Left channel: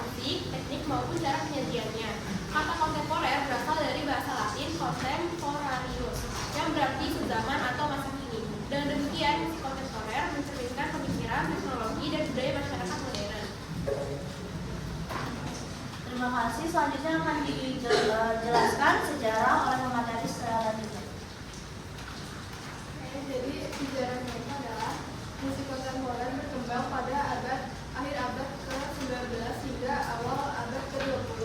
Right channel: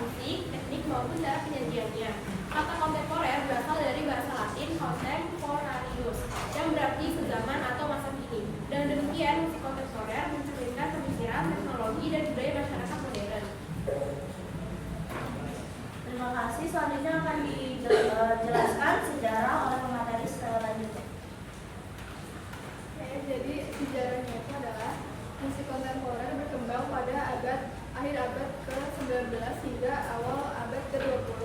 musik, teknik maupun cara penyajiannya. Kata kontemporer berasal dari bahasa Latin contemporaneous, yang berarti sezaman atau masa kini. Dan demikian musik kontemporer mencerminkan pemikiran, teknologi, dan budaya masyarakat modern. Terima kasih. Selanjutnya akan dijelaskan sejarah oleh pemateri secara lanjut. Jadi sejarahnya itu adalah musik kontemporer berkembang pada akhir abad ke-19 hingga awal abad ke-20.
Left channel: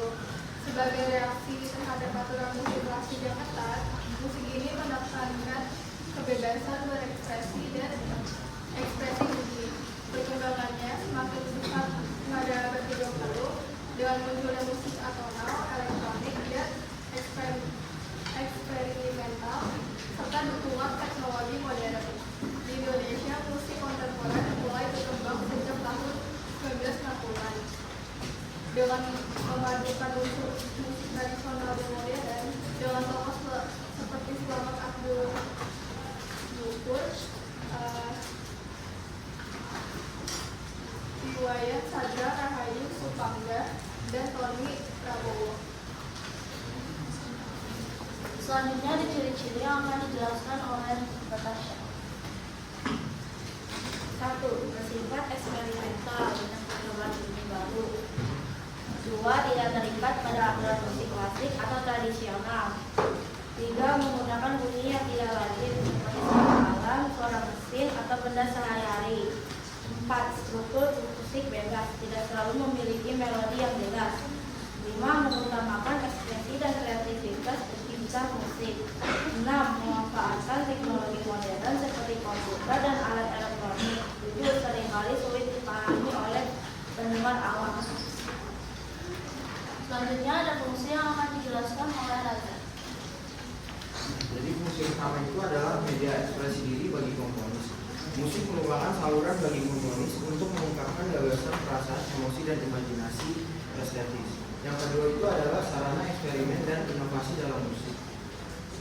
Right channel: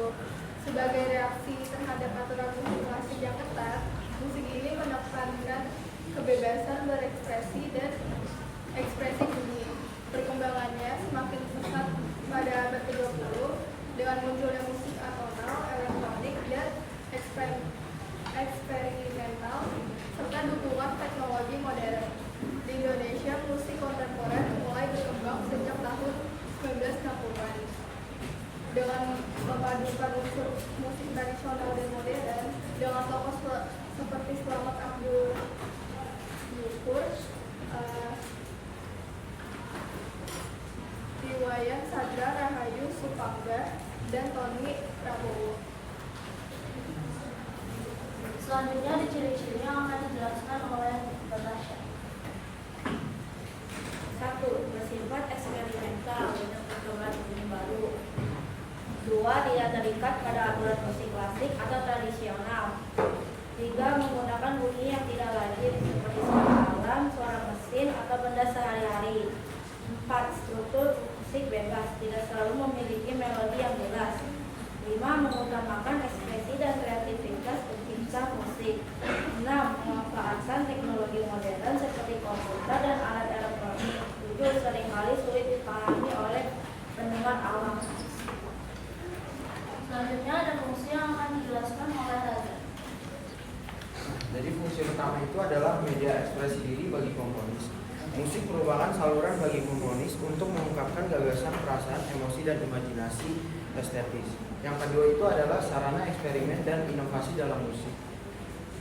Sebagai reaksi terhadap aturan musik klasik yang ketat, musik ini menekankan kebebasan berekspresi dan ekspresi bunyi. Perkembangannya semakin pesat pada abad ke-20 dengan munculnya musik atonal, elektronik, dan eksperimental, serta dukungan teknologi modern. Di Indonesia, musik kontemporer mulai berkembang sejak tahun 1960-an. Dengan memadukan unsur musik tradisional dan modern, dengan tokoh seperti Slamet Abdul Nukur, Iwayan Sadra Rahayu Supangga, dan Tony Prabowo. Selanjutnya di ciri-ciri yang akan dijelaskan oleh Bapak Syekh. 1. Bersifat eksperimental dengan perkembangan bunyi baru. 2. Tidak terikat pada alat musik klasik atau tradisional. 3. Menggunakan bunyi yang tidak lazim seperti suara alam, suara mesin, atau benda sehari-hari. 4. Struktur musik bebas, tidak selalu memiliki melodi yang jelas. 5. Mengutamakan ekspresi dan kreativitas pencipta musik. 6. Memanfaatkan teknologi modern seperti komputer dan alat elektronik. 7. Seringkali sulit dipahami oleh pendengar awam. Selanjutnya ada fungsi yang akan dijelaskan oleh Raja. Jadi fungsi utama itu adalah media ekspresi diri bagi komponis. Musik merupakan saluran bagi komponis untuk mengungkapkan gagasan, perasaan, emosi, dan imajinasi estetis. Yang kedua itu adalah sarana eksperimen dan inovasi dalam musik.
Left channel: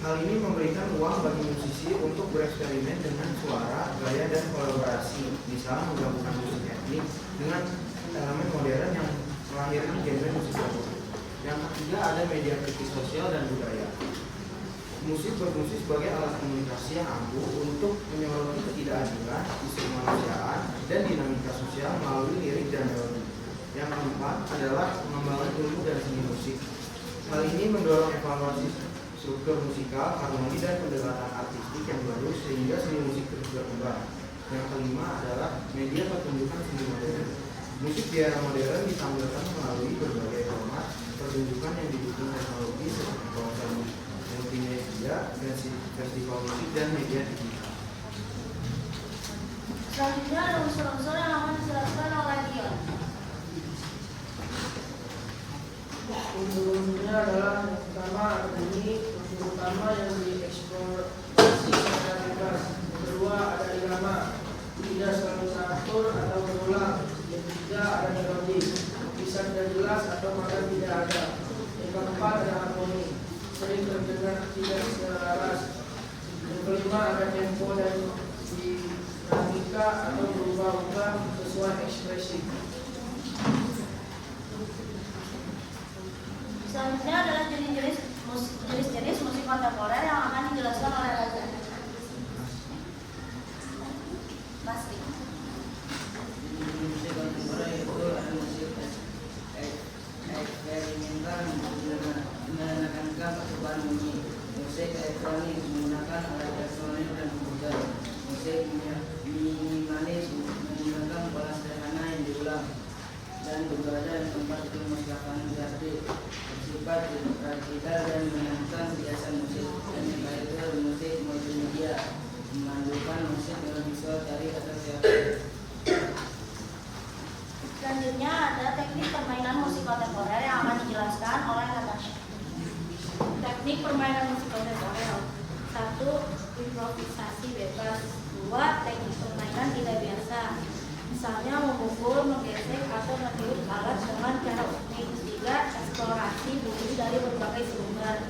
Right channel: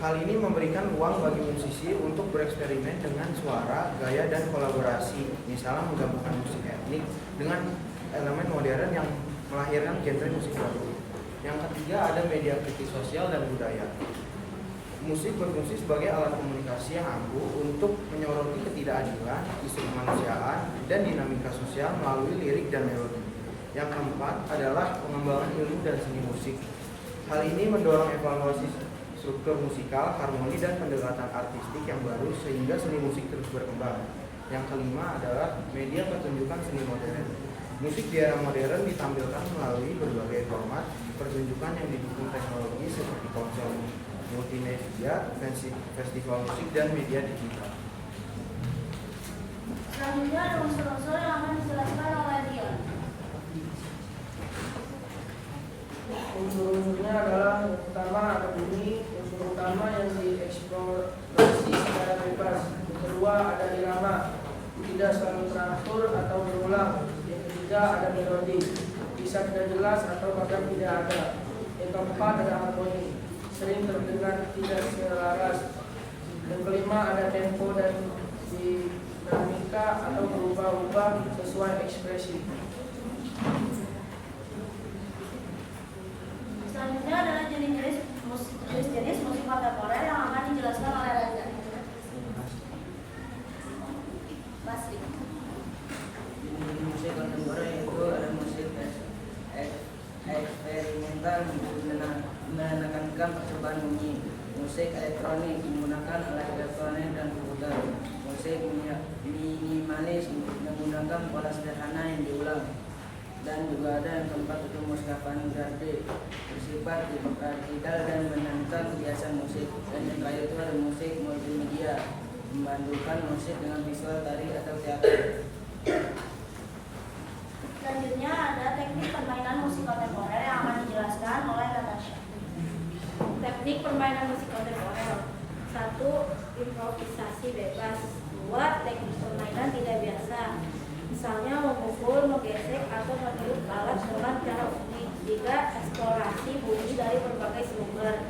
Hal ini memberikan ruang bagi musisi untuk bereksperimen dengan suara, gaya, dan kolaborasi. Misalnya menggabungkan musik etnik dengan elemen modern yang melahirkan genre musik baru. Yang ketiga ada media kritis sosial dan budaya. Musik berfungsi sebagai alat komunikasi yang ampuh untuk menyoroti ketidakadilan, isu kemanusiaan, dan dinamika sosial melalui lirik dan melodi. Yang keempat adalah pengembangan ilmu dan seni musik. Hal ini mendorong evaluasi struktur musikal, harmoni, dan pendekatan artistik yang baru sehingga seni musik terus berkembang. Yang kelima adalah media pertunjukan seni modern. Musik di era modern ditampilkan melalui berbagai format pertunjukan yang didukung teknologi seperti konser multimedia, festival musik, dan media digital. Selanjutnya ada unsur-unsur yang akan dijelaskan oleh dia. Unsur-unsurnya adalah yang pertama ada bunyi, unsur utama yang dieksplorasi secara bebas. Yang kedua ada irama, tidak selalu teratur atau berulang. Yang ketiga ada melodi, bisa tidak jelas atau bahkan tidak ada. Yang keempat ada harmoni, sering terdengar tidak selaras. Yang kelima ada tempo dan dinamika atau berubah-ubah sesuai ekspresi. Selanjutnya adalah jenis-jenis musik kontemporer yang akan dijelaskan oleh Raja. Pasti. Musik kontemporer itu musik eksperimental menekankan percobaan bunyi. Musik elektronik menggunakan alat elektronik dan komputer. Musik minimalis menggunakan pola sederhana yang diulang. Dan juga ada yang keempat itu musik avant-garde, bersifat radikal dan menentang kebiasaan musik. Dan yang ketiga itu adalah musik multimedia, membandingkan musik dengan visual, tari atau teater. Selanjutnya ada teknik permainan musik kontemporer yang akan dijelaskan oleh Natasha. Teknik permainan musik kontemporer. 1. Improvisasi bebas. 2. Teknik permainan tidak biasa. Misalnya memukul, menggesek, atau meniup alat dengan cara unik. 3. Eksplorasi bunyi dari berbagai sumber.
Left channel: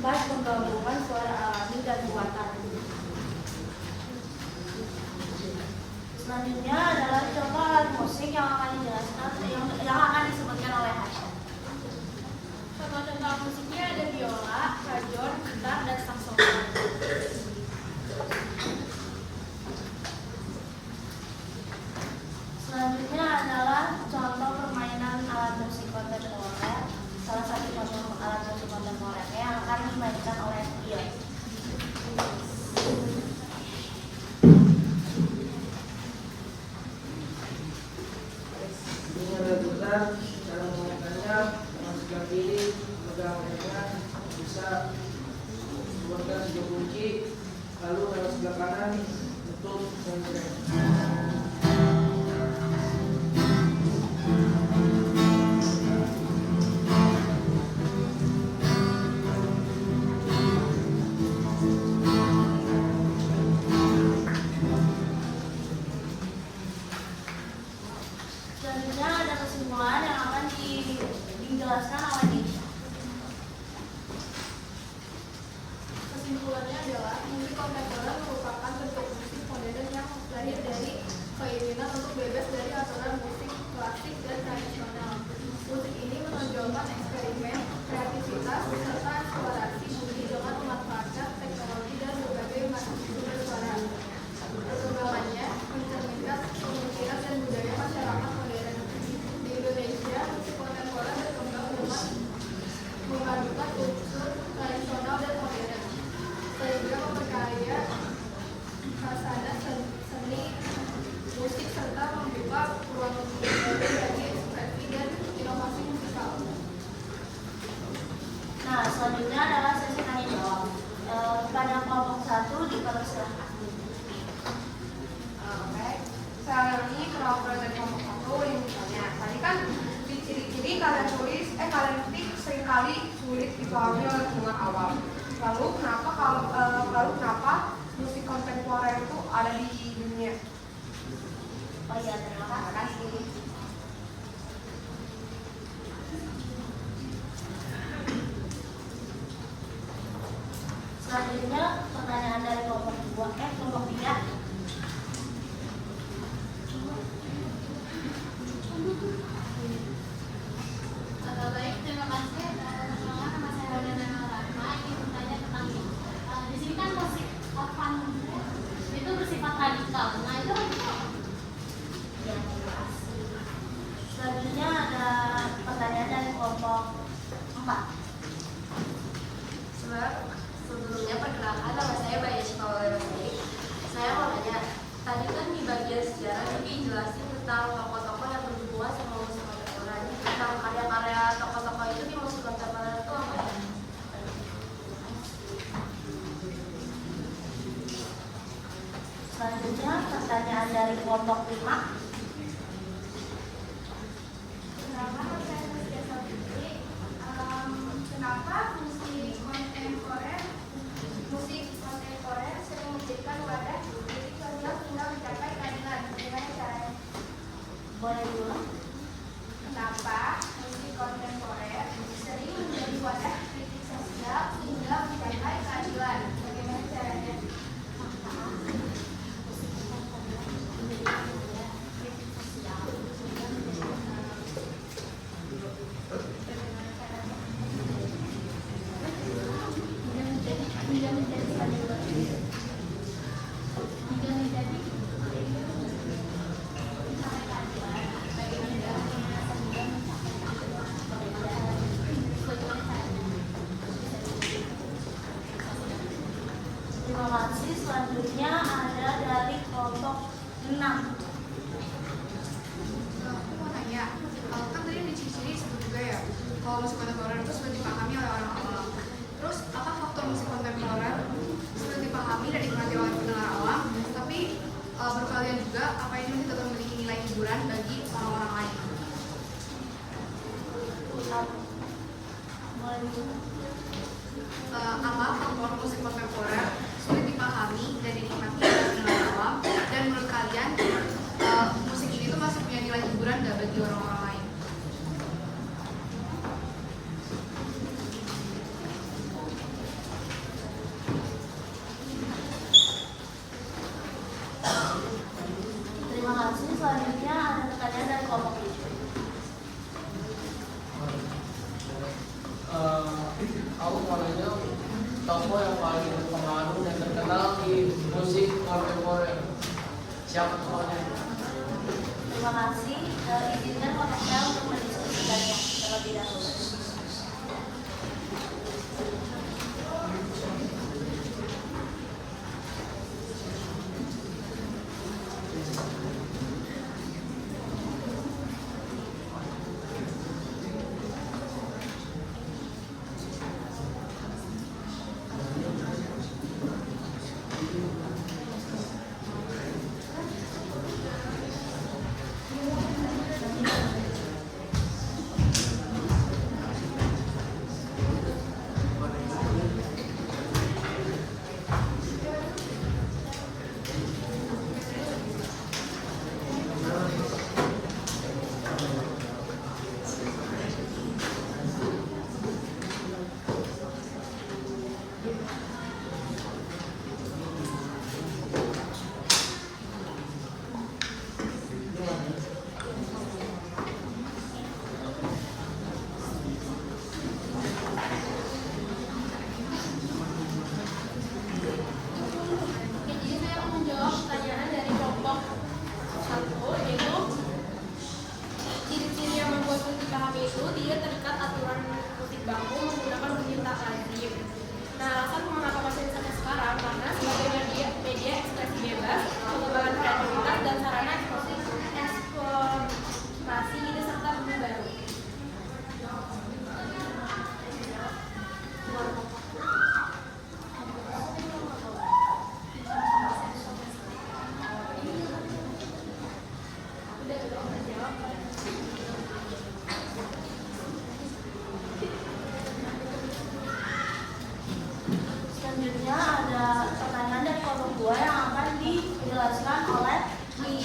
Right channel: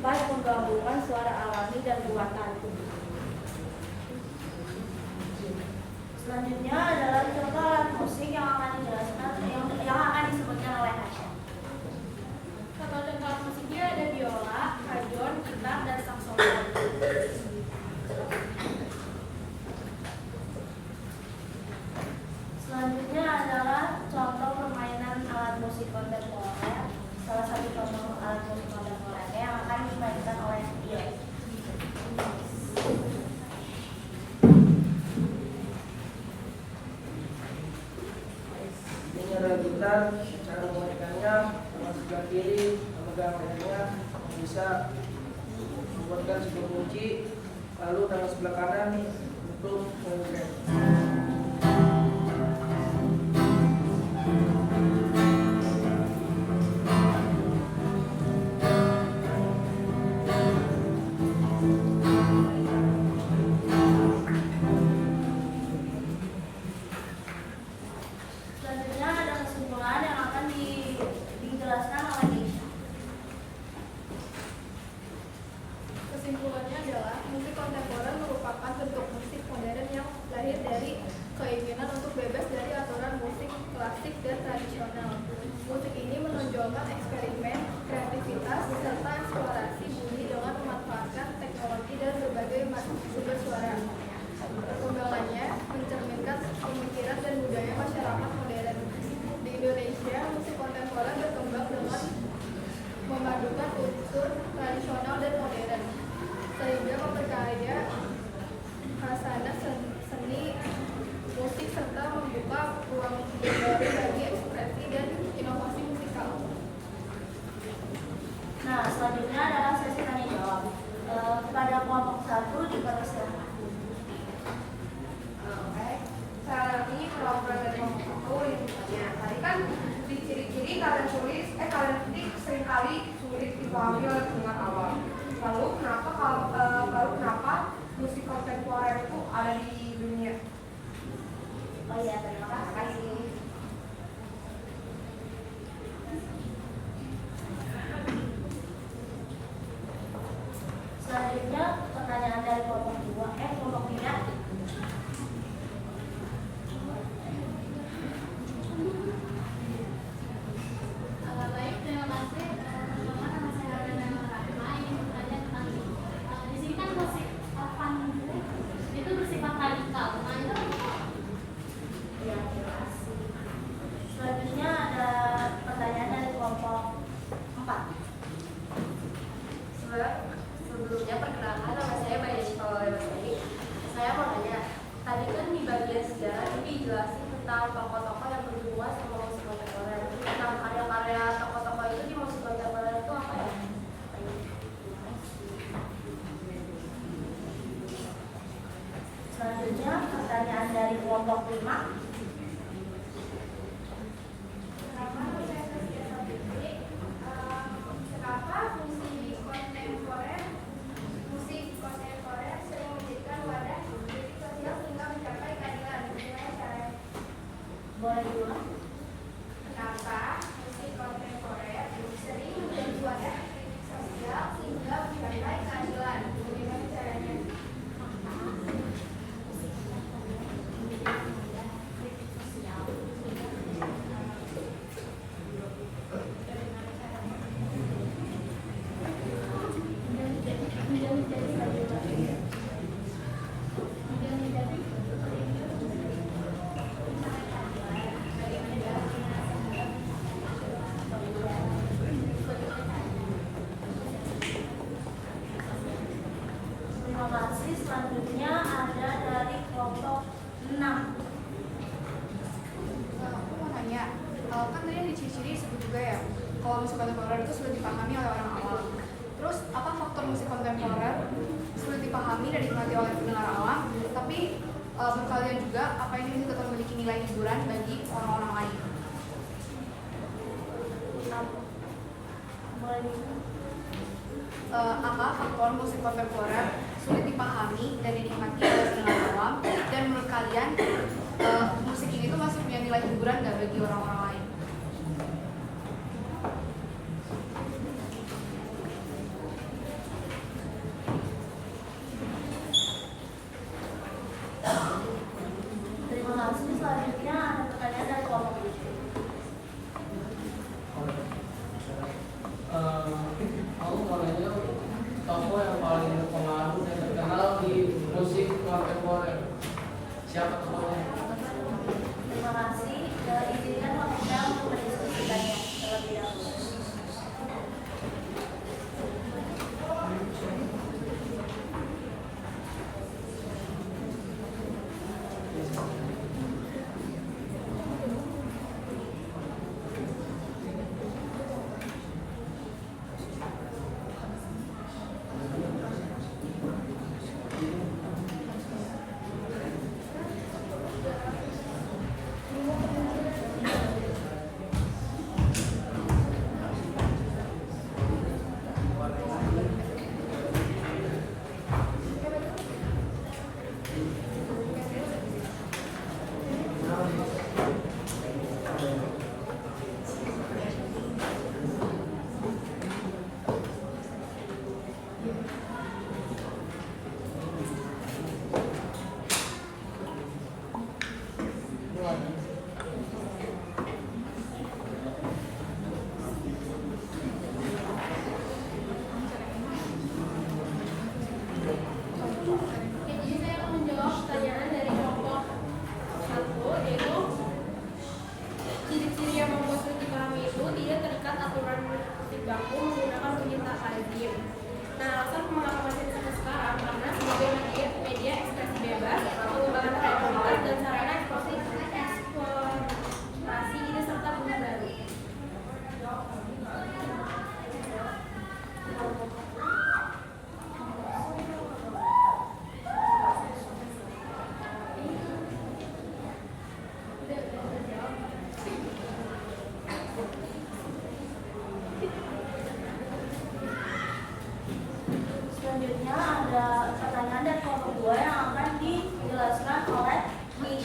4. Penggabungan suara alami dan buatan. Selanjutnya adalah contoh alat musik yang akan dijelaskan yang akan disebutkan kontemporer berkembang dengan memadukan unsur tradisional dan modern, sehingga memperkaya khasana seni musik serta membuka ruang baru bagi ekspresi dan inovasi musikal. Nah, selanjutnya adalah sesi tanya jawab. Kepada kelompok 1 dipersilakan. Oke, sekarang ini perwakilan dari kelompok 1 yang ditanya. Tadi kan di ciri-ciri kalian tulis, kalian ketik seringkali sulit dipahami oleh pendengar awam. Lalu kenapa musik kontemporer itu ada di dunia? Oh iya, terima kasih. Selanjutnya pertanyaan dari kelompok 2, kelompok 3. Baik, terima kasih. Pertama, nama saya Wardana Rahma. Ingin bertanya tentang di sini kan musik punk itu bersifat radikal. Nah, itu apa? Ya, terima kasih. Selanjutnya ada pertanyaan dari kelompok 4. Sebelumnya perkenalkan, nama saya Maya Cipawale Basri. Saya mau nanya, tadi kan di bagian sejarah itu dijelasin tentang tokoh-tokoh yang berhubungan sama musik kontemporer. Tentang karya-karya tokoh-tokoh itu di musik kontemporer itu apa ya? Selanjutnya pertanyaan dari kelompok 5. Kenapa musik kontemporer sering memberikan wadah bagi sosial hingga mencapai keadilan? Bagaimana caranya? Boleh diulang? Kenapa musik kontemporer sering menjadi wadah kritik sosial hingga mencapai keadilan? Bagaimana caranya? Terima kasih. Selanjutnya ada dari kelompok 6. Aku mau tanya, kan tadi di ciri-ciri disebut juga ya, kalau musik kontemporer itu sulit dipahami oleh orang awam. Terus apa faktor musik kontemporer sulit dipahami dan dinikmati oleh pendengar awam, tapi berkalian juga apa ini tetap memiliki nilai hiburan bagi orang-orang lain? Boleh diulang? Apa faktor musik kontemporer sulit dipahami dan dinikmati oleh pendengar awam, dan menurut kalian musik ini tuh masih punya nilai hiburan nggak bagi orang-orang lain? Terima kasih. Selanjutnya ada pertanyaan dari kelompok 7. Aku mau nanya tokoh yang paling berpengaruh dan terkenal di musik kontemporer. Siapa tokohnya? Terima kasih. Izinkan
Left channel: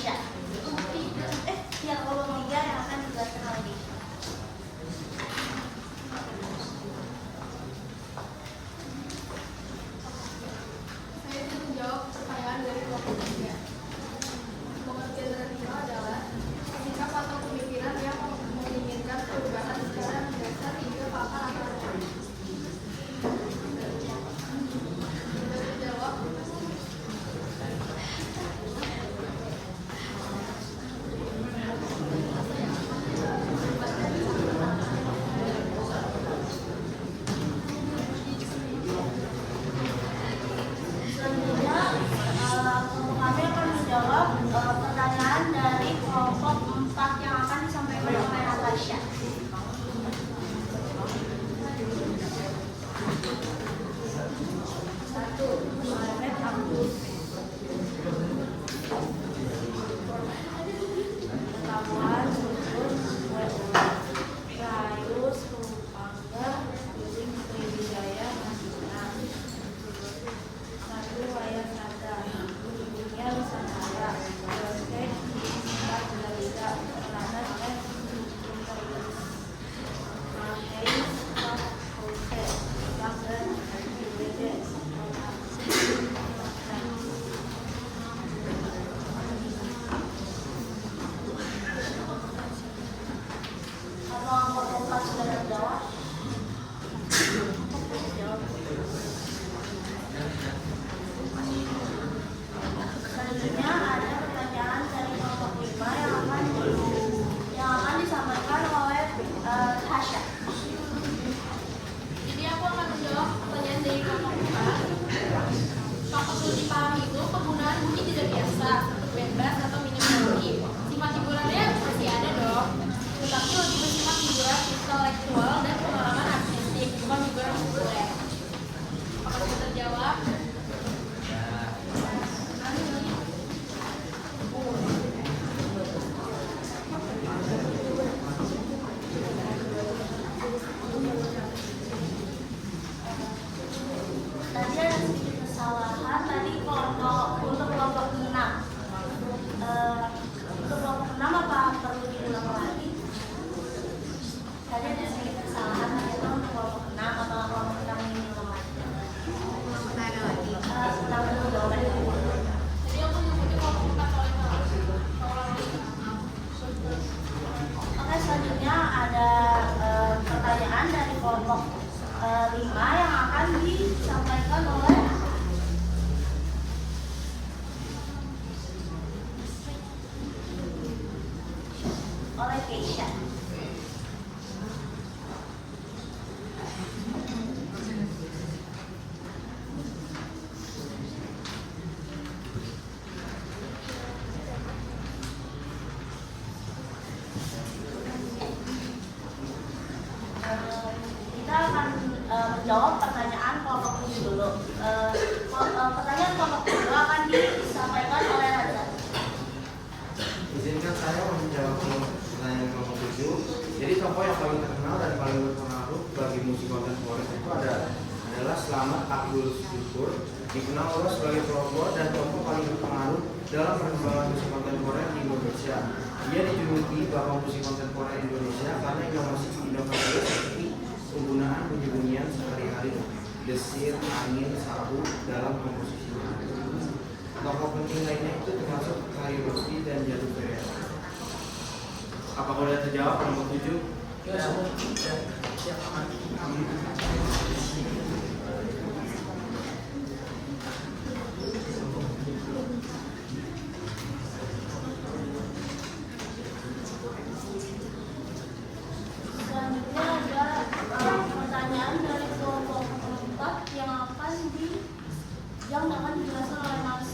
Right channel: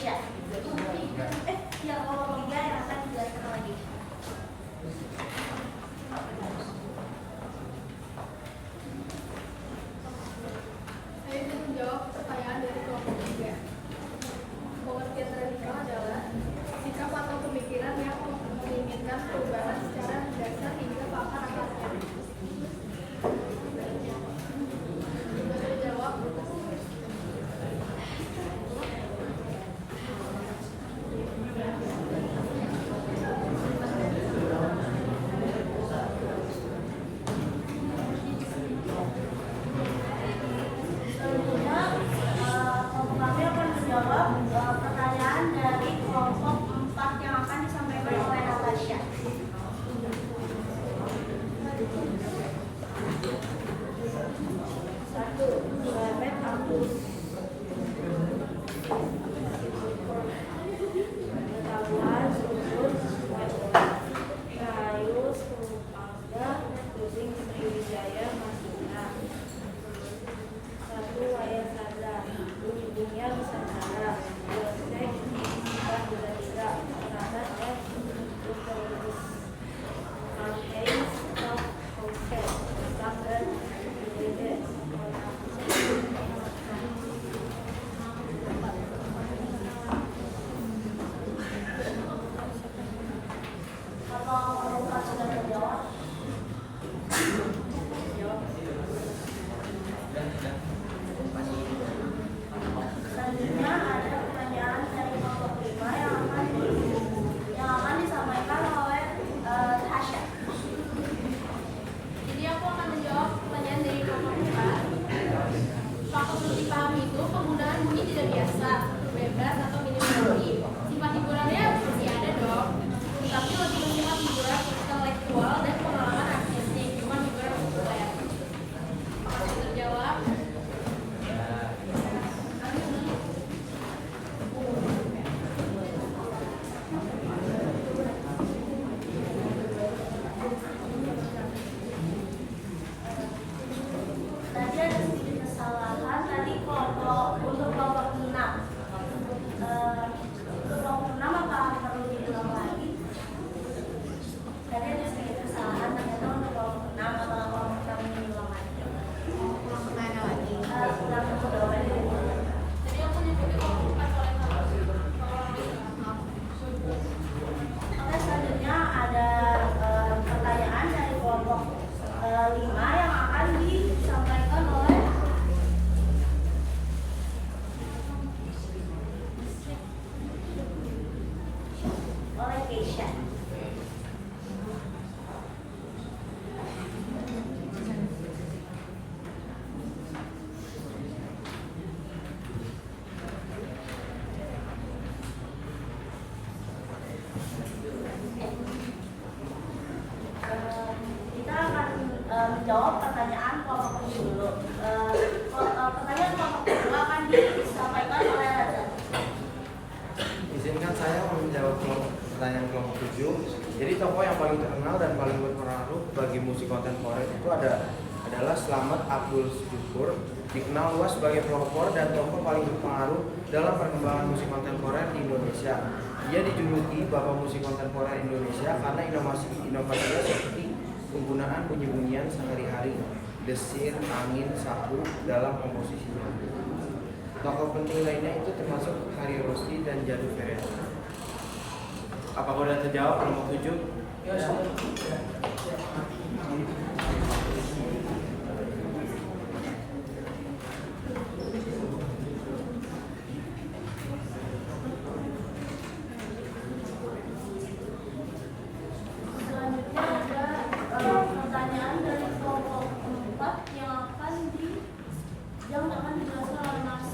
Keisha. Yang kelompok 3 yang akan dijelaskan lagi. Saya ingin menjawab pertanyaan dari kelompok 3. Pengertian radikal adalah sikap atau pemikiran yang menginginkan perubahan secara mendasar hingga ke akar-akarnya. Coba saya jawab. Selanjutnya, kami akan menjawab pertanyaan dari kelompok 4 yang akan disampaikan oleh Natasha. Satu, Mehmet Abdus. Pengetahuan struktur Rahayu Supangga Kucing Sriwijaya Masina. Satu, Wayan Saza. Bumi Dunia Nusantara. Prospek Empat Tiga Tiga. Penanda F. Interlist. Hayes Top Houses. Bank dan Dividend. Apakah kelompok 4 sudah terjawab? Selanjutnya ada pertanyaan dari kelompok 5 yang akan disampaikan oleh Tasha. Jadi aku akan menjawab pertanyaan dari kelompok 4. Faktor sulit dipahami itu penggunaan bunyi tidak biasa, bebas atau minim melodi. Sifat hiburannya masih ada dong, tetapi lebih bersifat hiburan intelektual dan pengalaman artistik, bukan hiburan populer. Apakah sudah terjawab? Tadi ada sedikit kesalahan tadi untuk kelompok 6. Untuk kelompok 6 apa perlu diulang lagi? Tadi ada sedikit kesalahan tadi untuk kelompok 6 apa kelompok kami diulang lagi? Silakan menjawab dulu. Jadi aku mengikuti kelompok 4 soalnya. Oke, selanjutnya ada pertanyaan dari kelompok 5 yang akan disampaikan oleh Keisha. Kita akan menjawab pertanyaan kelompok ini dulu. Pertanyaan kelompok kedua akan disampaikan oleh Raja. Izinkan saya menjawab pertanyaan kelompok 7. Jadi tokoh yang paling terkenal dan paling berpengaruh bagi musik kontemporer itu adalah Slamet Abdul Syukur, dikenal luas sebagai pelopor dan tokoh paling berpengaruh dalam perkembangan musik kontemporer di Indonesia. Ia dijuluki Bapak Musik Kontemporer Indonesia karena inovasinya seperti penggunaan bunyi-bunyian sehari-hari, desir, angin, sapu dalam komposisinya. Tokoh penting lainnya itu termasuk Hari Rusdi dan Jadu Ferena. Apakah sudah terjawab kelompok 7? Selanjutnya ada pertanyaan dari kelompok 4 yang akan dijelaskan oleh Mas.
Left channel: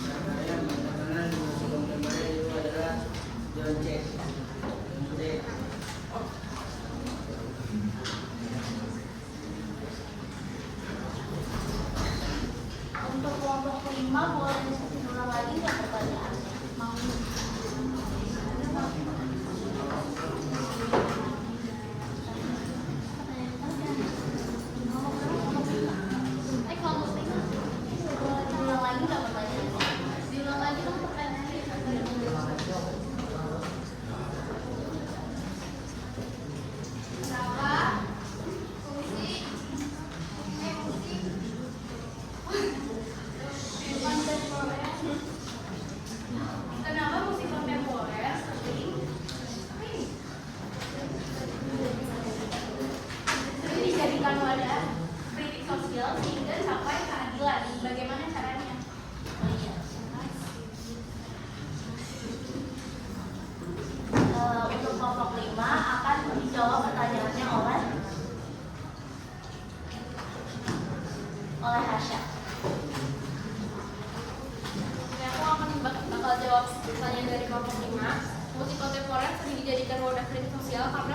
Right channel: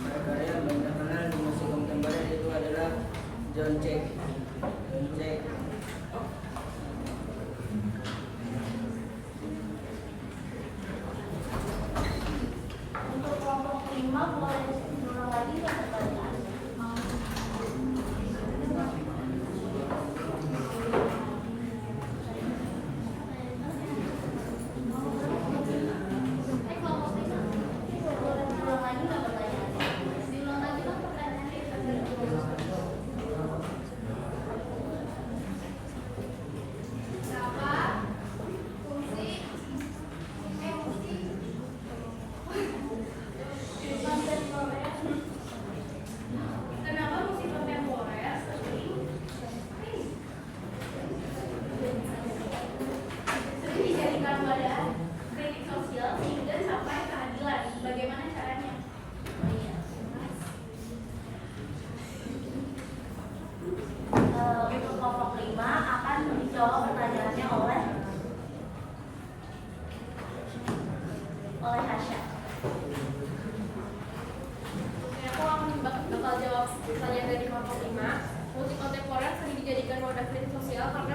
Mereka yang terkenal di musik kontemporer itu adalah John Cage. Untuk kelompok 5 boleh diulang lagi nggak pertanyaan? Tasya. Oke, aku akan bakal jawab pertanyaan dari kelompok 5. Musik kontemporer sering dijadikan wadah kritik sosial karena